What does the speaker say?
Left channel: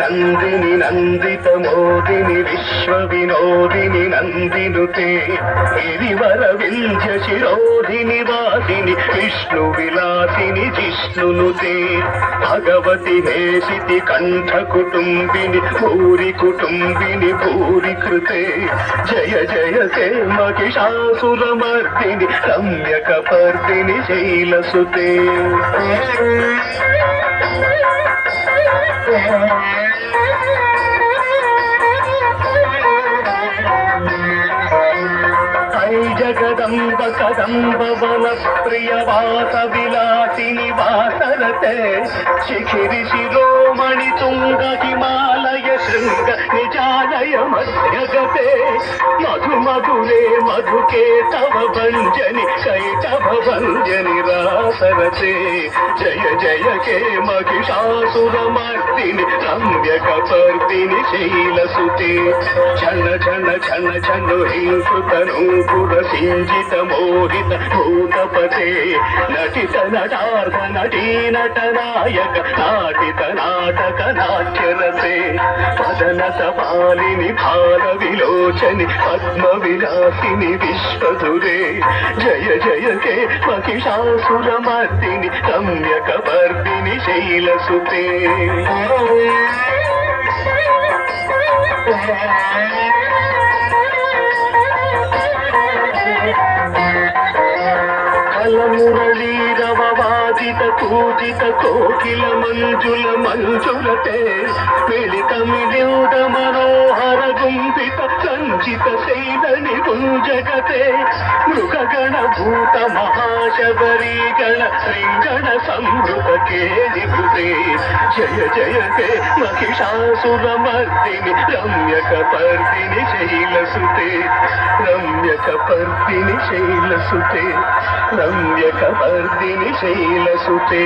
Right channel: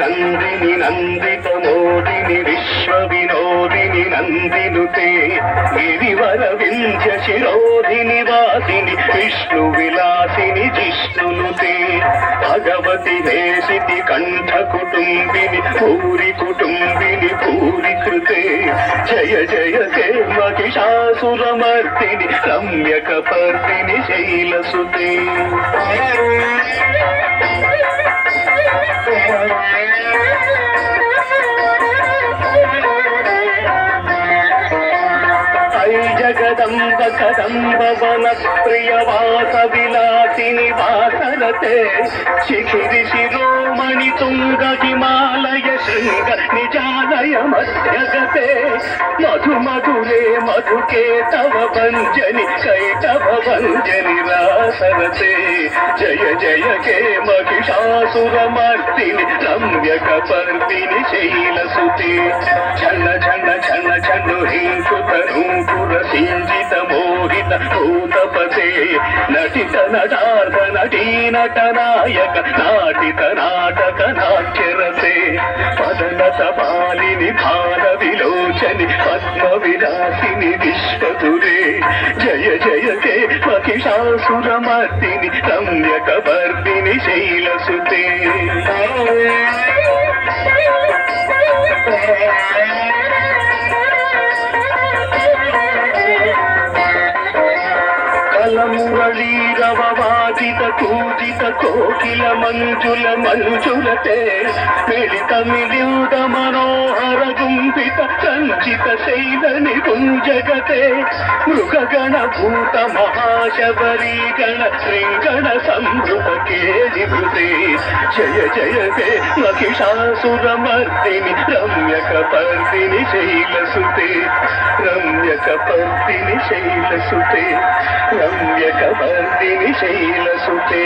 నందిని నందిత మోదిని విశ్వ వినోదిని నందినుతే గిరివర వింధ్య శిరోధిని వాసిని విష్ణు విలాసిని జిష్ణునుతే భగవతి హేసితి కంఠ కుటుంబిని భూరి కుటుంబిని భూరి కృతే జయ జయ తే మహిషాసురమర్దిని రమ్యక పర్దిని శైలసుతే జగదంబ కదంబ వన ప్రియ వాస విలాసిని వాసరతే శిఖిరి శిరోమణి తుంగ హిమాలయ శృంగ నిజాలయ మధ్యగతే మధు మధురే మధుకే తవ భంజని కైటభ భంజని రాసరతే జయ జయ కే మహిషాసురమర్దిని రమ్యక పర్దిని శైలసుతే ఛన ఛన ఛన ఛను హింసుత నూపుర సింజిత మోహిత భూతపతే నటిత నటార్థ నటీ నట నాయక నాటిత నాటక నాట్యరసే పదనత పాలిని భార విలోచని పద్మ విలాసిని విశ్వధురే జయ జయ కే మహిషాసురమర్దిని రమ్యక పర్దిని శైలసుతే మురళీరవవాదిత పూజిత కోకిల మంజుల మంజులతే మిళిత మిలియుద మనోహర గుంభిత సంచిత శైలని గుంజగతే మృగగణ భూత మహాశబరీ గణ శ్రీగణ సంభృత కేళిభృతే జయ జయ తే మహిషాసురమర్దిని రమ్యక పర్దిని శైలసుతే రమ్యక పర్దిని శైలసుతే రమ్యక పర్దిని శైలసుతే